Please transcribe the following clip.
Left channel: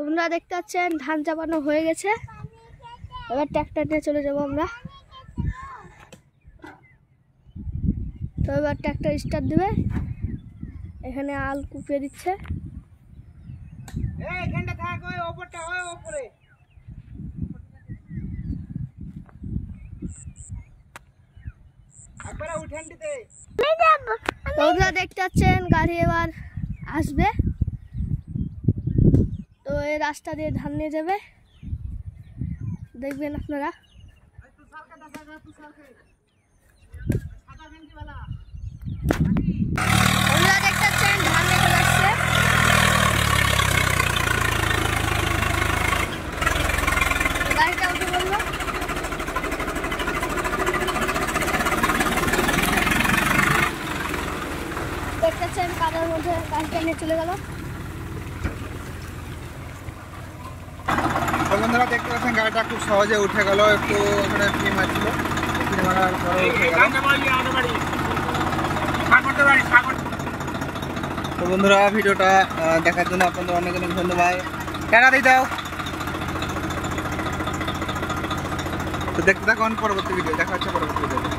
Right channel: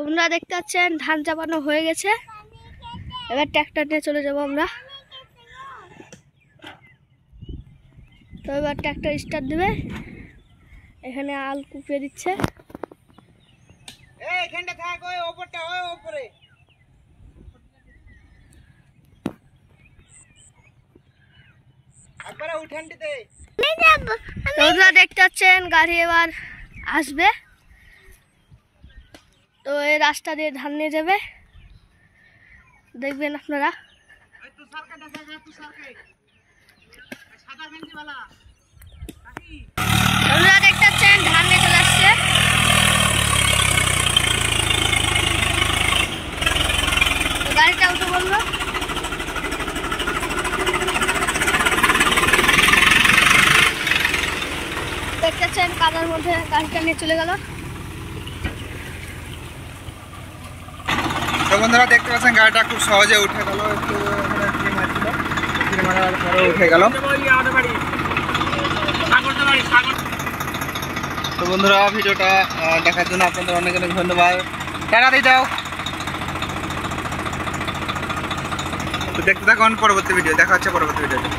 আপনারা দেখতে পাচ্ছেন ধান চাপানো হয়ে গেছে। এবার ট্র্যাক্টর নিয়ে চলে যাব আমরা। তো এবার ট্র্যাক্টর স্টার্ট দেবে। এখানে আল কুপিয়ে দিচ্ছে। আপনারা দেখতে পাচ্ছেন গাড়ি এবার আসবে। তো এই রাস্তা দিয়ে ধান নিয়ে যাবে, দেখবেন আপনারা। আপনারা দেখতে পাচ্ছেন ধান নিয়ে চলে আসছে। গাড়িটা উঠে বললো। দেখতে পাচ্ছেন কাদার মধ্যে গাড়িটা নিয়ে চলে গেল। তো বন্ধুরা দেখতে পাচ্ছেন গাড়িটা খুব সহজে উঠে গেল। একটু ওখানে ফ্রি মারছিল, ফ্রি মারার পরে উঠে গেল। তো বন্ধুরা ভিডিওটা দেখার জন্য আপনাদের অনেক অনেক ধন্যবাদ। টাটা দিয়ে দাও। তো দেখতে থাকুন পরবর্তী ভিডিও। দেখা হচ্ছে পরবর্তী ভিডিওতে।